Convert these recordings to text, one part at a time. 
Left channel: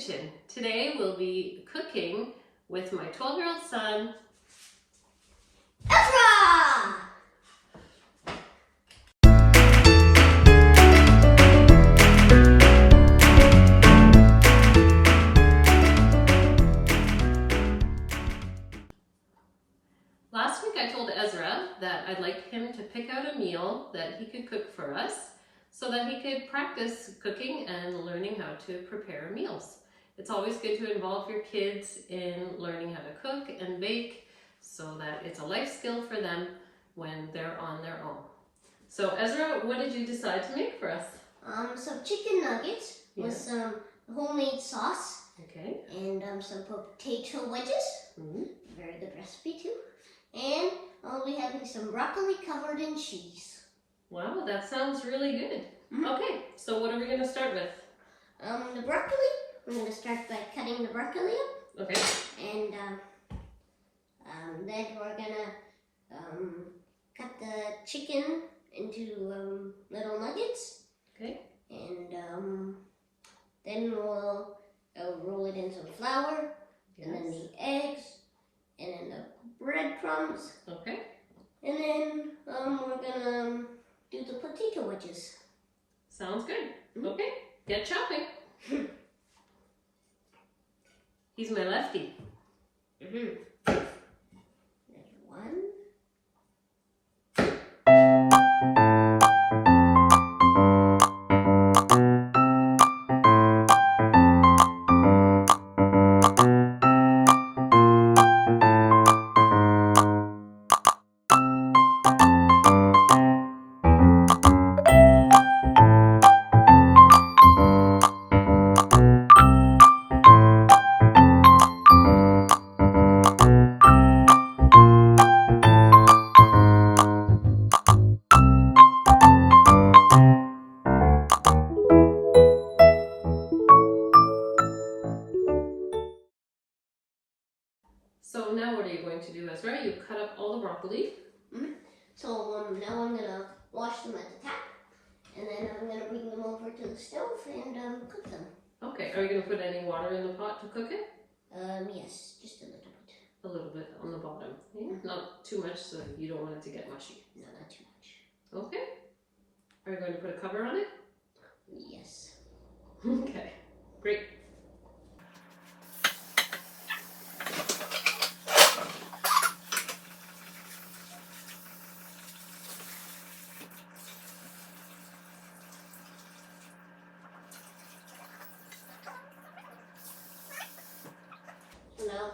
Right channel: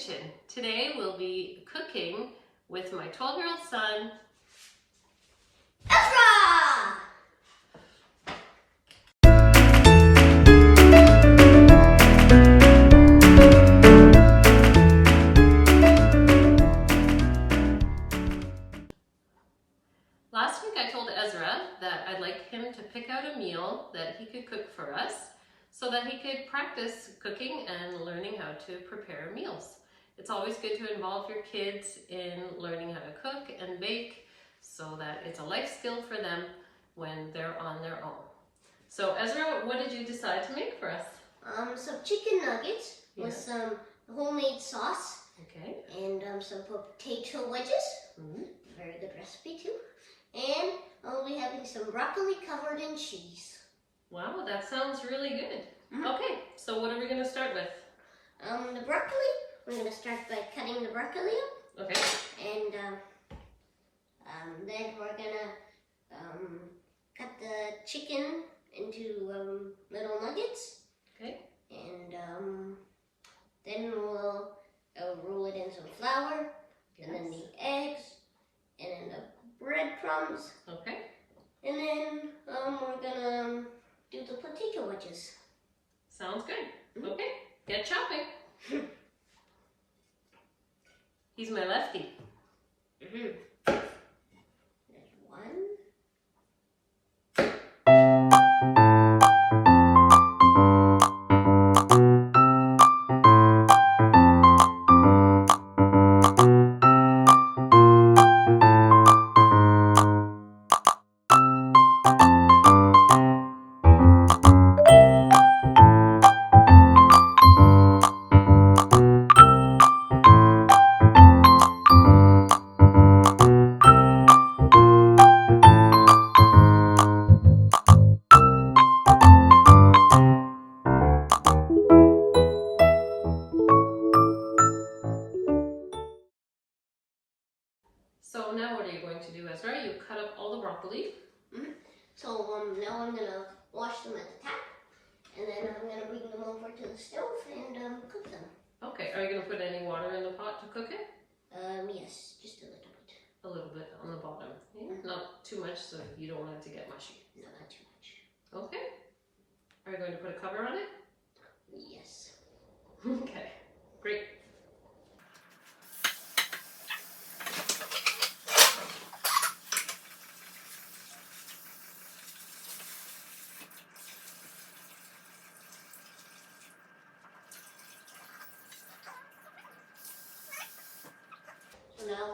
kitchen. Today we'll be cooking with my 12-year-old son, Ezra! Last week I told Ezra that I'd like him to pick out a meal that he could cook for us so that he could practice cooking and learning how to prepare meals. It's always good to involve your kids in learning how to cook and bake so that it's a life skill for them when they're on their own. So Ezra, what did you decide to make for us? Some chicken nuggets with some homemade sauce. Okay. And some potato wedges. Very good recipe too. And I'll be having some broccoli covered in cheese. Wow, that sounds really good. Okay, so what are we going to start with? The broccoli, we're going to start by cutting the broccoli up. Okay. And then we're going to cut the chicken into little nuggets. Okay. And then we'll roll it in some flour. Yes. And then the eggs. And then the breadcrumbs. Okay. And then we're gonna do the potato wedges. Sounds good. Okay, get chopping. He's my lefty. There's one. So now what are you going to do, Ezra? You cut up all the broccoli. So now I'm gonna wash them at the tap, and then I'm gonna bring them over to the stove and cook them. Okay, are you going to put any water in the pot to cook it? Yes, just a little bit. A little bit on the bottom. Yeah, not too much so you don't want it to get mushy. No, not too much. Okay. Are you going to put a cover on it? Yes. Okay, great. So now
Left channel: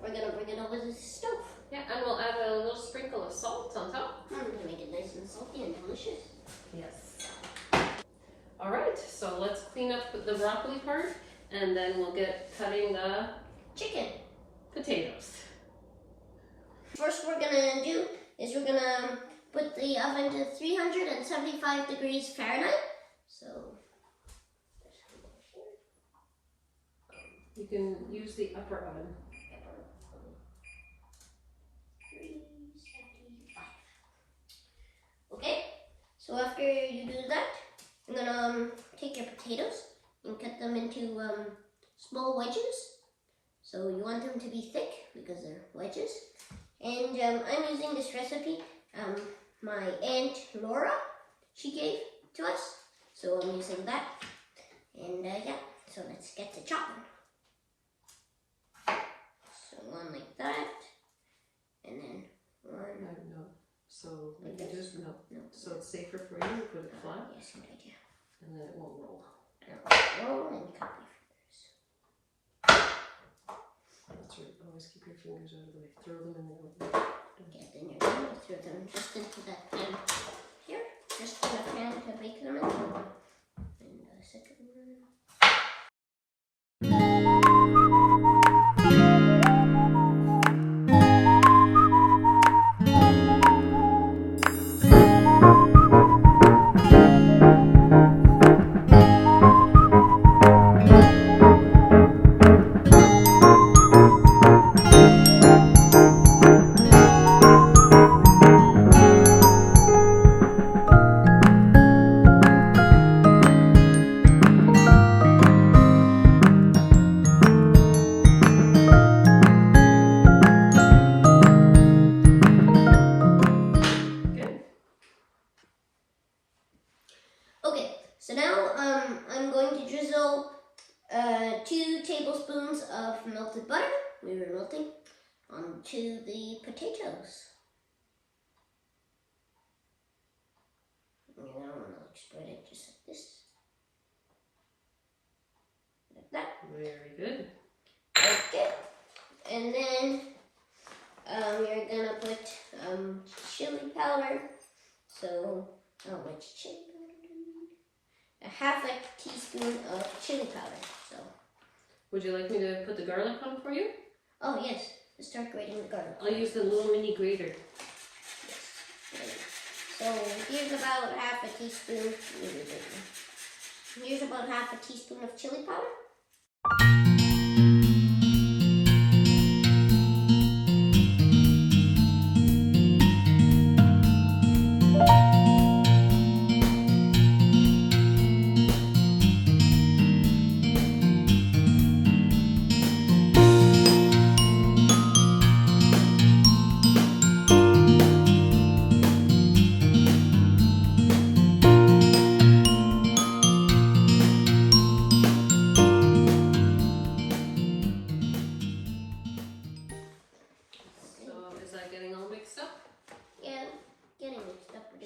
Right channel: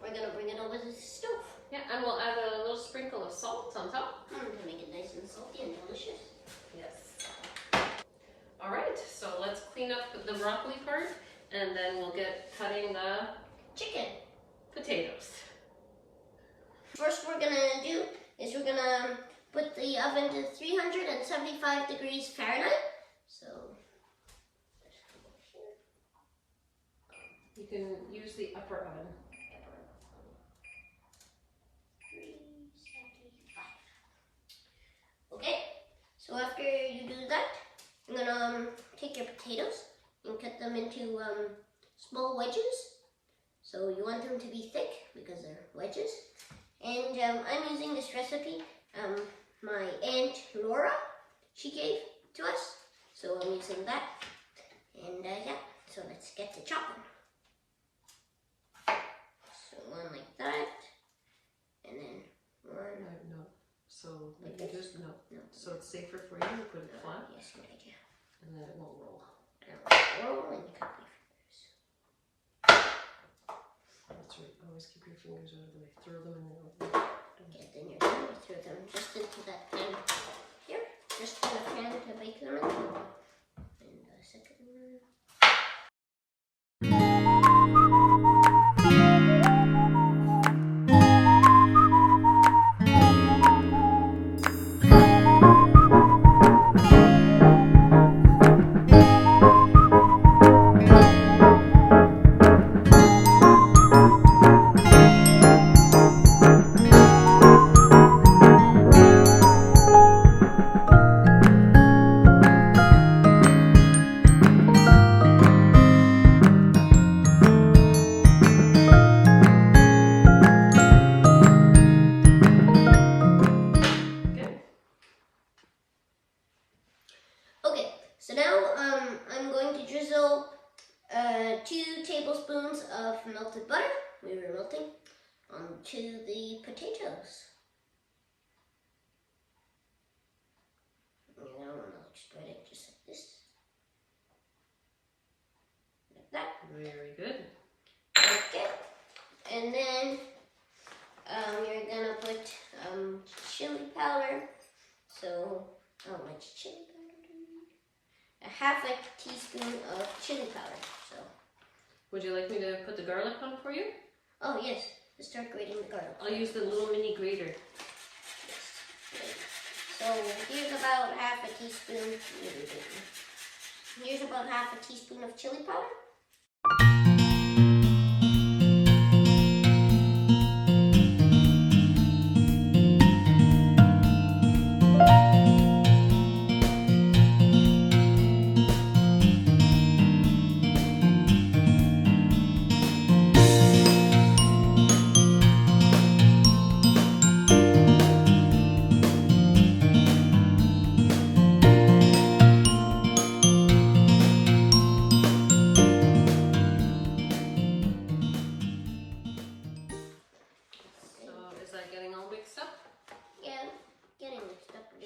we're gonna bring it over to the stove. Yeah, and we'll add a little sprinkle of salt on top. To make it nice and salty and delicious. Yes. All right, so let's clean up the broccoli part and then we'll get cutting the Chicken. potatoes. First we're gonna do is we're gonna put the oven to 375 degrees Fahrenheit. So You can use the upper oven. 375. Okay, so after you do that, I'm gonna take your potatoes and cut them into small wedges. So you want them to be thick because they're wedges. And I'm using this recipe my Aunt Laura, she gave to us. So I'm using that. And yeah, so let's get to chopping. So one like that, and then one. No. So Like you this? just no. No. So it's safer for you to put it flat, Yes, good idea. and then it won't roll. Roll and cut your fingers. That's right. Always keep your fingers out of the way. Throw them in there. Okay, then you're done. Throw them just into that pan here. Just in the pan to bake them in. And the second one. drizzle 2 tablespoons of melted butter, we were melting, onto the potatoes. And I'm going to spread it just like this. Like that. Very good. Okay. And then you're going to put chili powder. So, how much chili powder do you need? A half a teaspoon of chili powder. So. Would you like me to put the garlic on for you? Oh yes, let's start grating the garlic. I'll use the little mini grater. Yes. So here's about half a teaspoon. Here's about half a teaspoon of chili powder.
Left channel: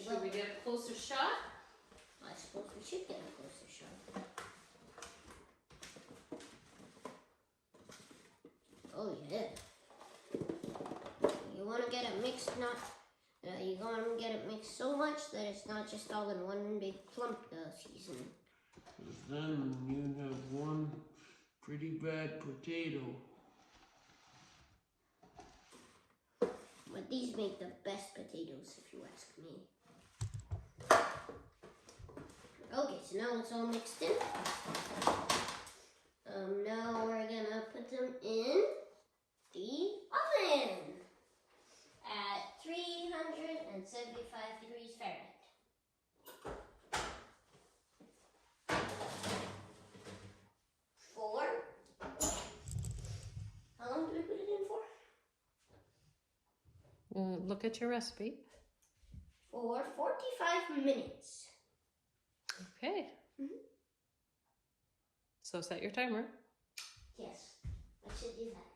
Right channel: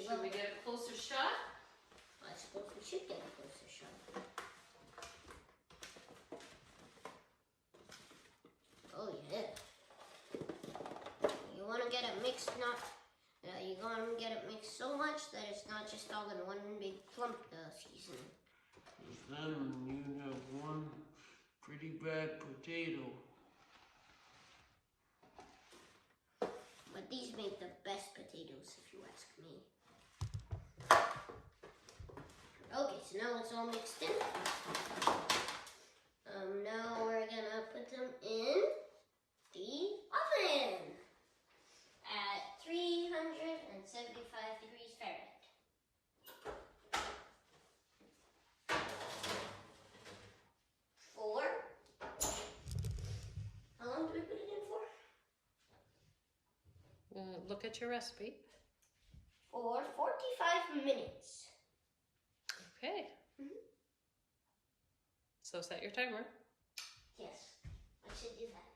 Should we get a closer shot? I suppose we should get a closer shot. Oh yeah. You want to get it mixed, you want to get it mixed so much that it's not just all in one big clump seasoning. Then you have one pretty bad potato. But these make the best potatoes, if you ask me. Okay, so now it's all mixed in. Now we're gonna put them in the oven at 375 degrees Fahrenheit. How long do we put it in for? Look at your recipe. For 45 minutes. Okay. So set your timer. Yes, I should do that.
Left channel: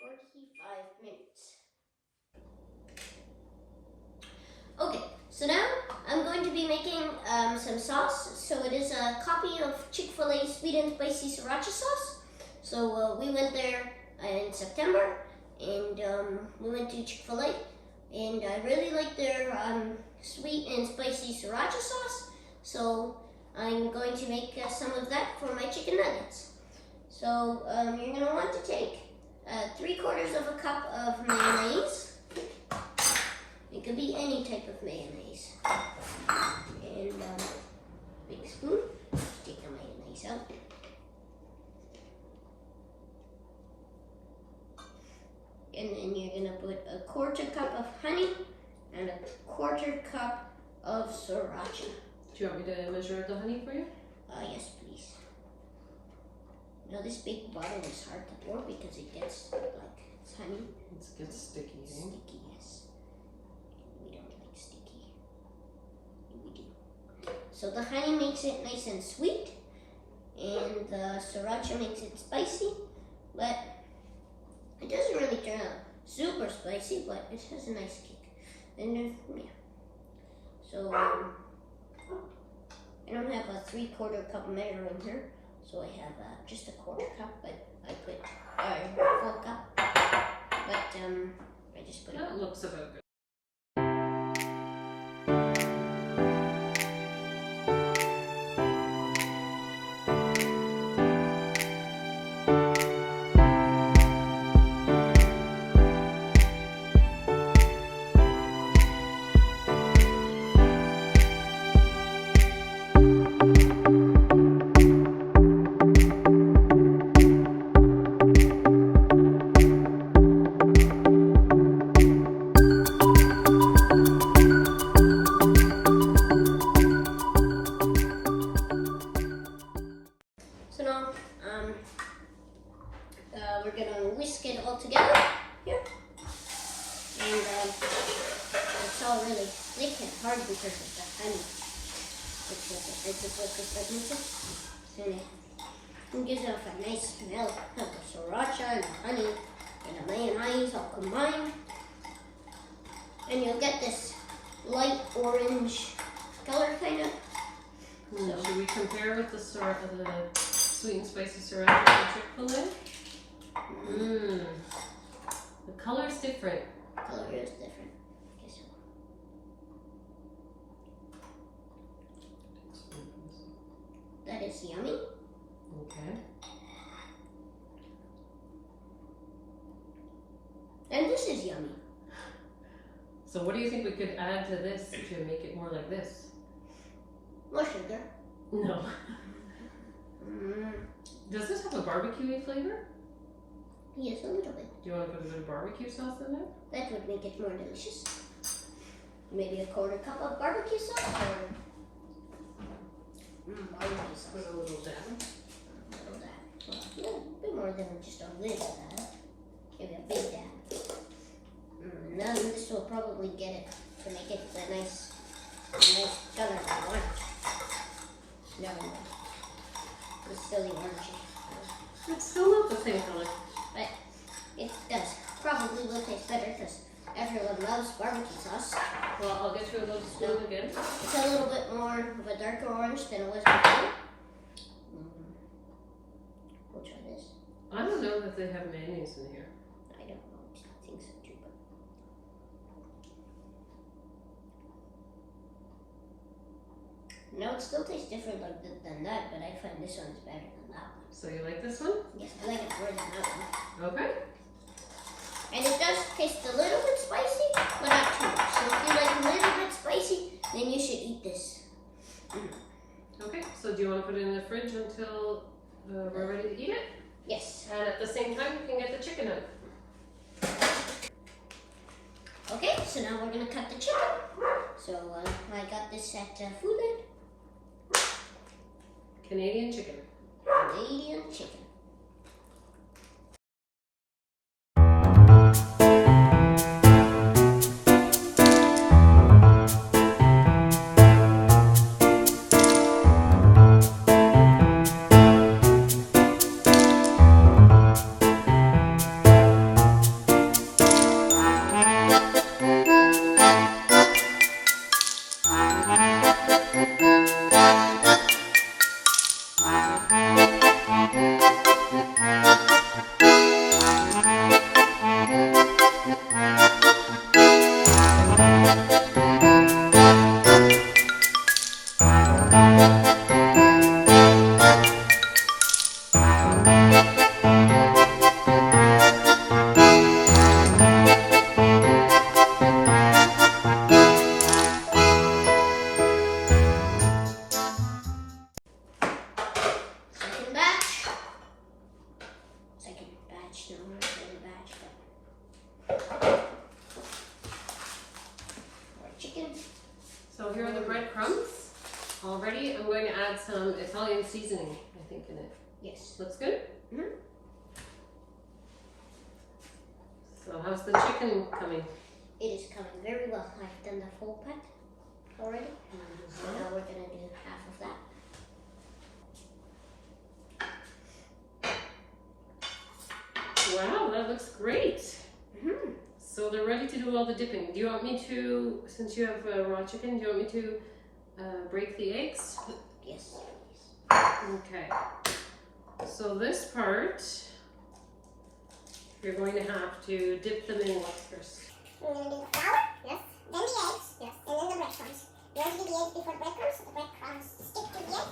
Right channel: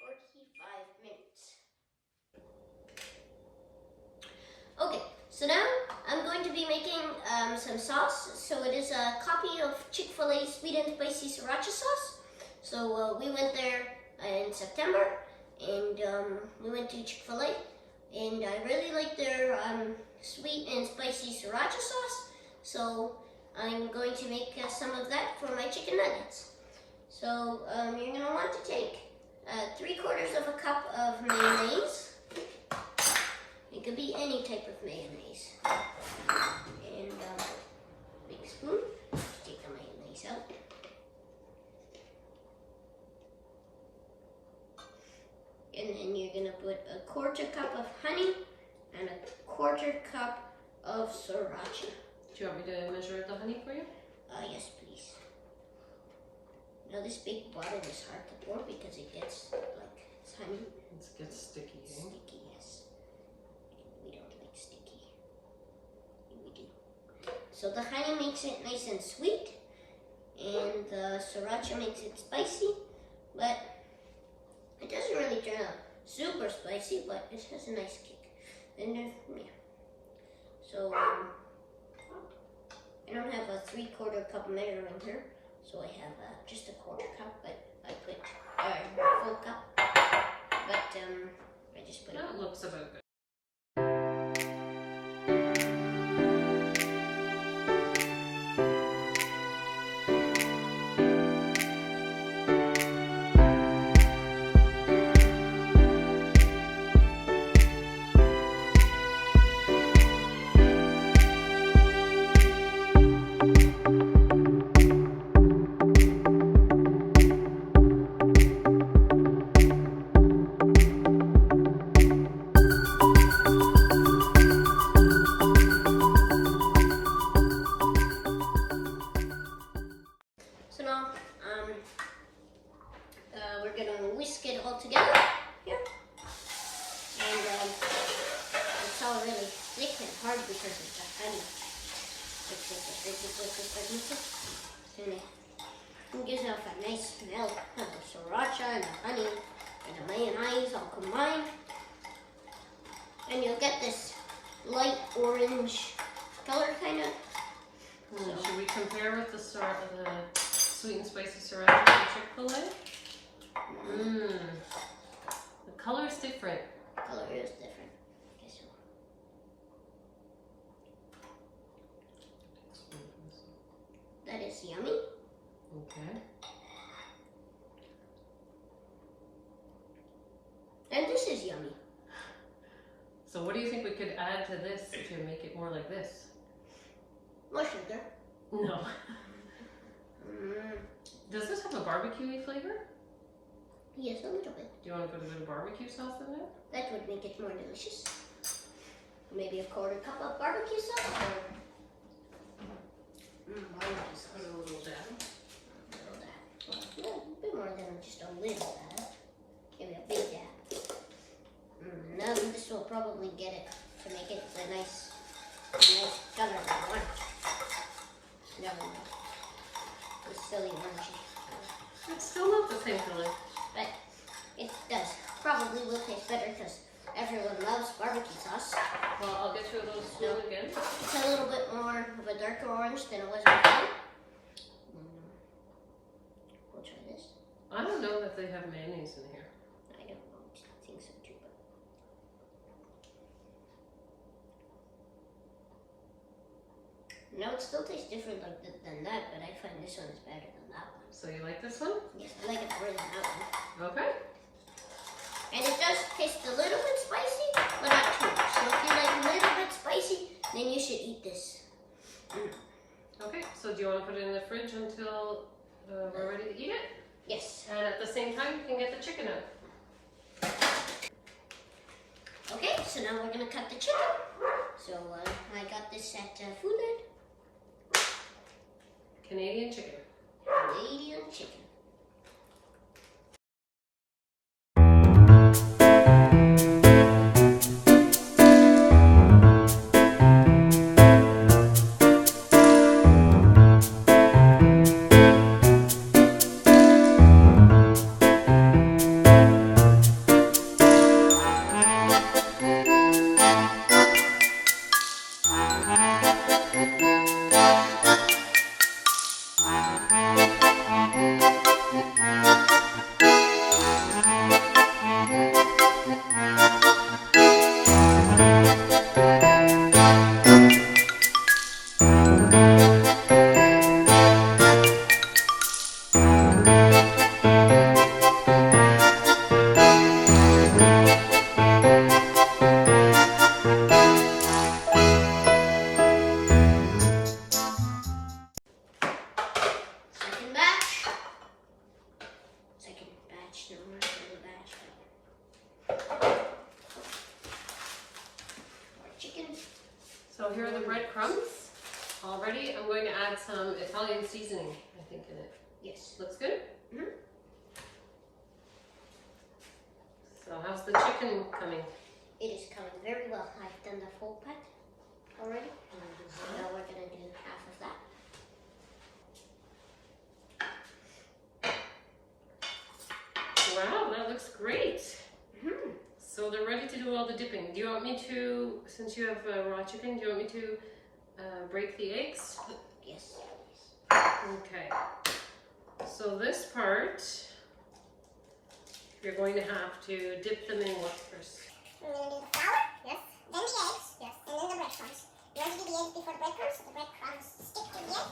45 minutes. Okay, so now I'm going to be making some sauce. So it is a copy of Chick-Fil-A sweet and spicy sriracha sauce. So we went there in September, and we went to Chick-Fil-A, and I really like their sweet and spicy sriracha sauce. So I'm going to make some of that for my chicken nuggets. So you're going to want to take 3/4 of a cup of mayonnaise. It could be any type of mayonnaise. And big spoon, take the mayonnaise out. And then you're gonna put a 1/4 cup of honey and a 1/4 cup of sriracha. Do you want me to measure the honey for you? Yes, please. Now this big bottle is hard to pour because it gets like it's honey. It gets sticky. Sticky, yes. We don't like sticky. We do. So the honey makes it nice and sweet, and the sriracha makes it spicy, but it doesn't really turn out super spicy, but it has a nice kick. And then, yeah. So I don't have a 3/4 cup measure in here, so I have just a 1/4 cup, but I put a full cup. But I just put it. That looks about good. We're gonna whisk it all together here, and it's all really thick and hard because of the honey. So it gives off a nice smell of the sriracha and the honey and the mayonnaise all combined. And you'll get this light orange color kind of. So should we compare with the sweet and spicy sriracha from Chick-Fil-A? The color's different. Color is different. Okay, so. That is yummy. Okay. And this is yummy. So what do you think we could add to this to make it more like this? More sugar. No. Does this have a barbecue-y flavor? Yes, a little bit. Do you want to put a bit of barbecue sauce in there? That would make it more delicious. Maybe a quarter cup of barbecue sauce or barbecue sauce. Put a little dab. A little dab. Well, yeah, a bit more than just a little dab. Maybe a big dab. Now this will probably get it to make it a nice color I want. Never mind. It's still the orangey. It's still not the same color. But it does. Probably will taste better because everyone loves barbecue sauce. Well, I'll get you a little spoon again. It's a little bit more of a darker orange than it was before. We'll try this. I don't know if they have mayonnaise in here. I don't know. I think so too. But no, it still tastes different than that, but I find this one is better than that one. So you like this one? Yes, I like it more than that one. Okay. And it does taste a little bit spicy, but not too much. So if you like a little bit spicy, then you should eat this. Okay, so do you want to put it in the fridge until we're ready to eat it? Yes. And at the same time, we can get the chicken out. Okay, so now we're gonna cut the chicken. So I got this at Food Net. Canadian chicken. Canadian chicken. So here are the breadcrumbs. Already, I'm going to add some Italian seasoning, I think, in it. Yes. Looks good? Mhm. So how's the chicken coming? It is coming very well. I've done the full pack already. So now we're going to do half of that. Wow, that looks great. Mm-hmm. So they're ready to do all the dipping. Do you want me to, since you have raw chicken, do you want me to break the eggs? Yes. Okay. So this part, you're going to have to dip them in what first? We're going to do the flour, yes. Then the eggs, yes. And then the breadcrumbs. You want to do the eggs before the breadcrumbs, so the breadcrumbs stick to the egg.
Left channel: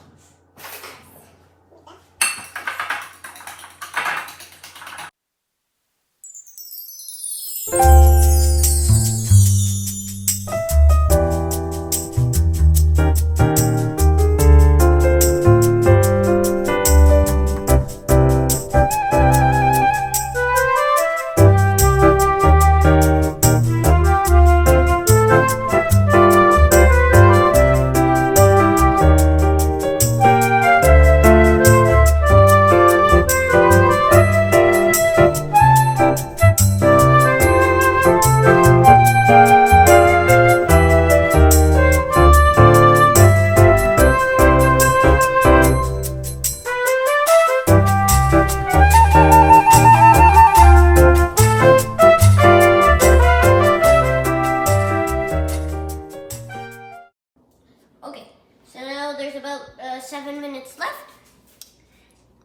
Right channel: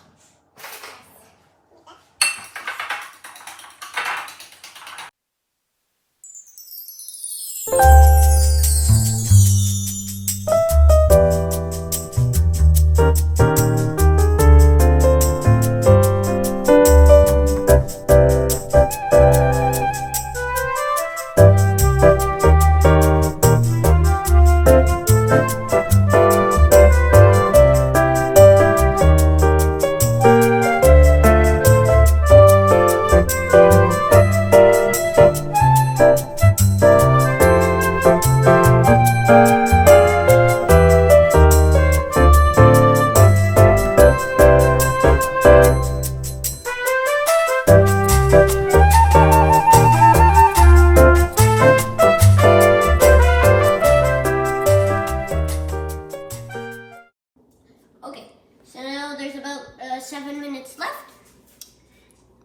7 minutes left.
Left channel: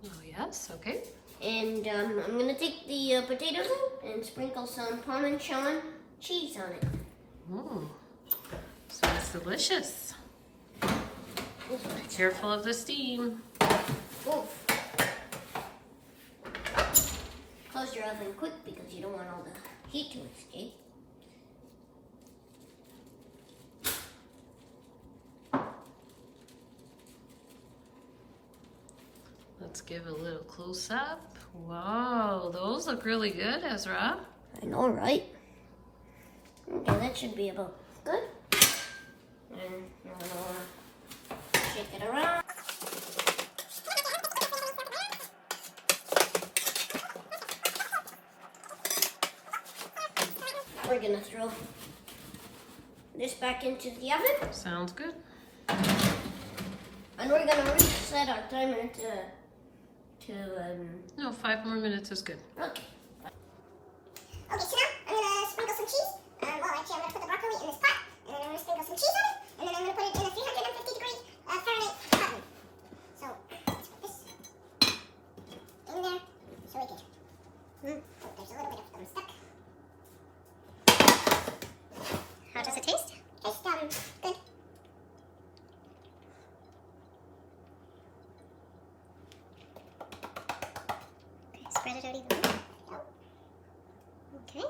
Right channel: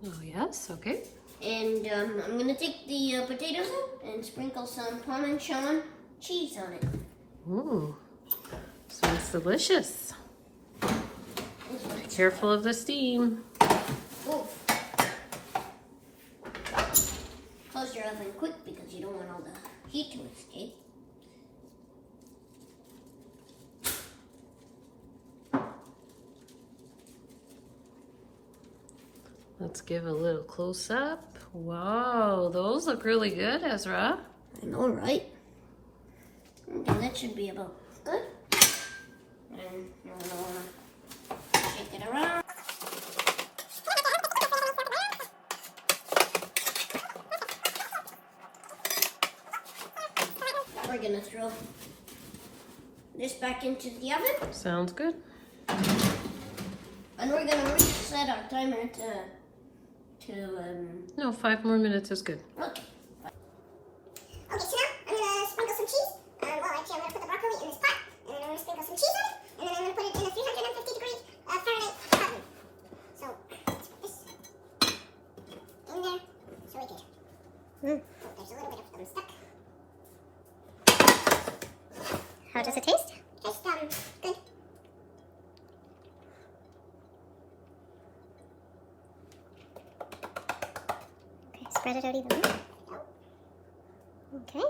Oh, yes, okay. And I'm gonna take the potatoes in and sprinkle some Parmesan cheese on it. Ooh, sounds delicious. Be careful of the steam. Ooh. Close your oven quick because you don't want all the heat to escape. Let's give a little close up. Wow, those look really good, Ezra. I know, right? Okay, that should be about good. And I'm gonna shake it around. We're gonna throw this back into the oven. Sounds good. And we're gonna reset our timer to No, 5 more minutes is good. okay. Okay, so now I'm gonna sprinkle some cheese. Well, actually, I'm gonna put the broccoli in this pot, and then I'm gonna sprinkle some cheese on it, and then I'm gonna put it in a 350-degree Fahrenheit oven. So let's put this in there, so we can. Oh, there's a little bit of them stuck. How does it taste? Tastes good. Spread it out evenly. Okay.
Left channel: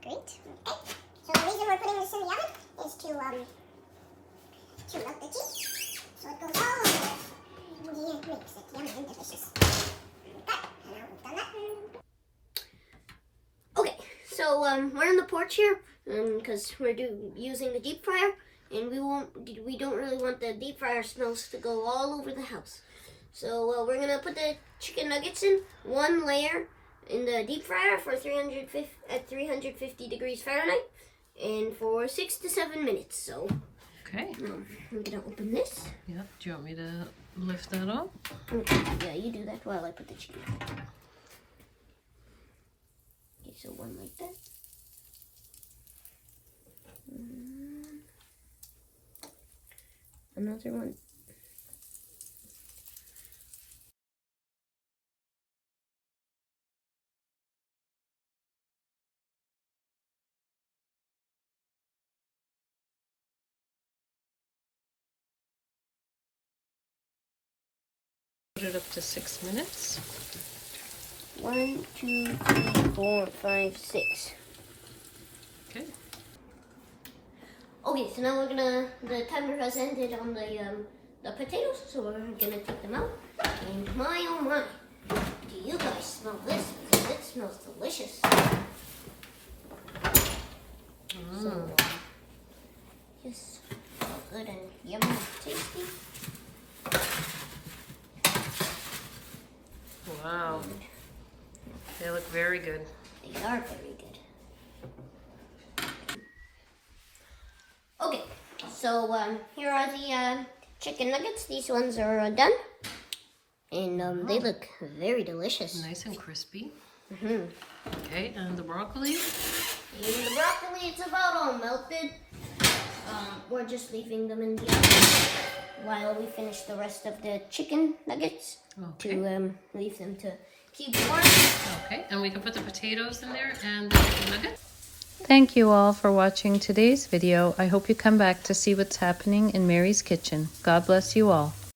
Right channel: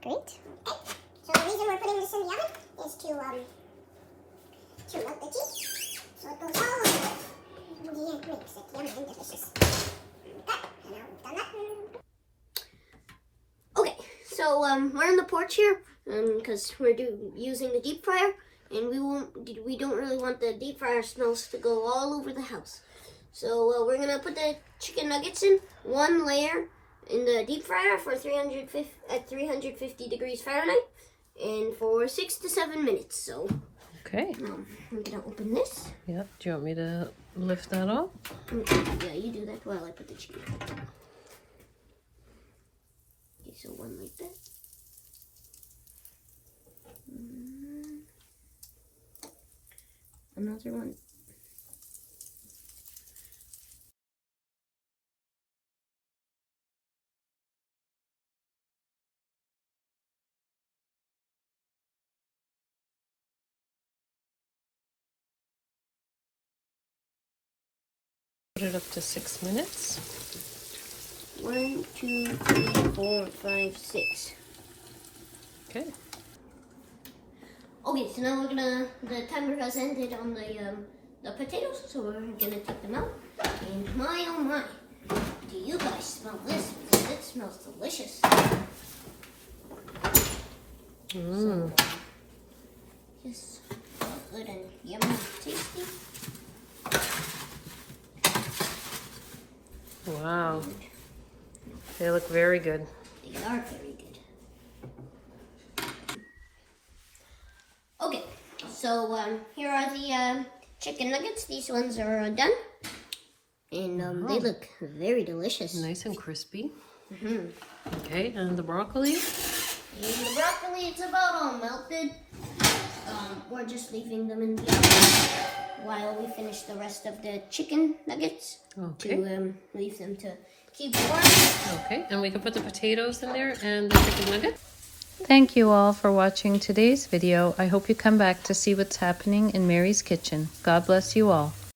Great. Okay. So the reason we're putting this in the oven is to melt the cheese. So it goes all over. Yeah, it makes it yummy and delicious. Okay. And now we've done that. Okay, so we're on the porch here because we're using the deep fryer, and we don't really want the deep fryer smells to go all over the house. So we're gonna put the chicken nuggets in one layer in the deep fryer for 350 degrees Fahrenheit, and for 6 to 7 minutes. So Okay. I'm gonna open this. Yep. Do you want me to lift that up? Yeah, you do that while I put the chicken. Okay, so one like that. Another one. Put it up to 6 minutes. 1, 2, 3, 4, 5, 6. Okay. Okay, so now the timer has ended on the potatoes, so we're gonna take them out. And my oh my, do you guys smell this? Because it smells delicious. So, just so good and yummy and tasty. Wow. They look very good. They are very good. Okay, so here are the chicken nuggets. These ones are done. And they look very delicious. Nice and crispy. Okay, and the broccoli? And the broccoli, it's about all melted. We're just leaving them in the oven while we finish the rest of the chicken nuggets. Okay. To leave them to keep warm. Okay, and we can put the potatoes in there and the chicken nuggets. Thank you all for watching today's video. I hope you come back to see what's happening in Mary's kitchen. God bless you all.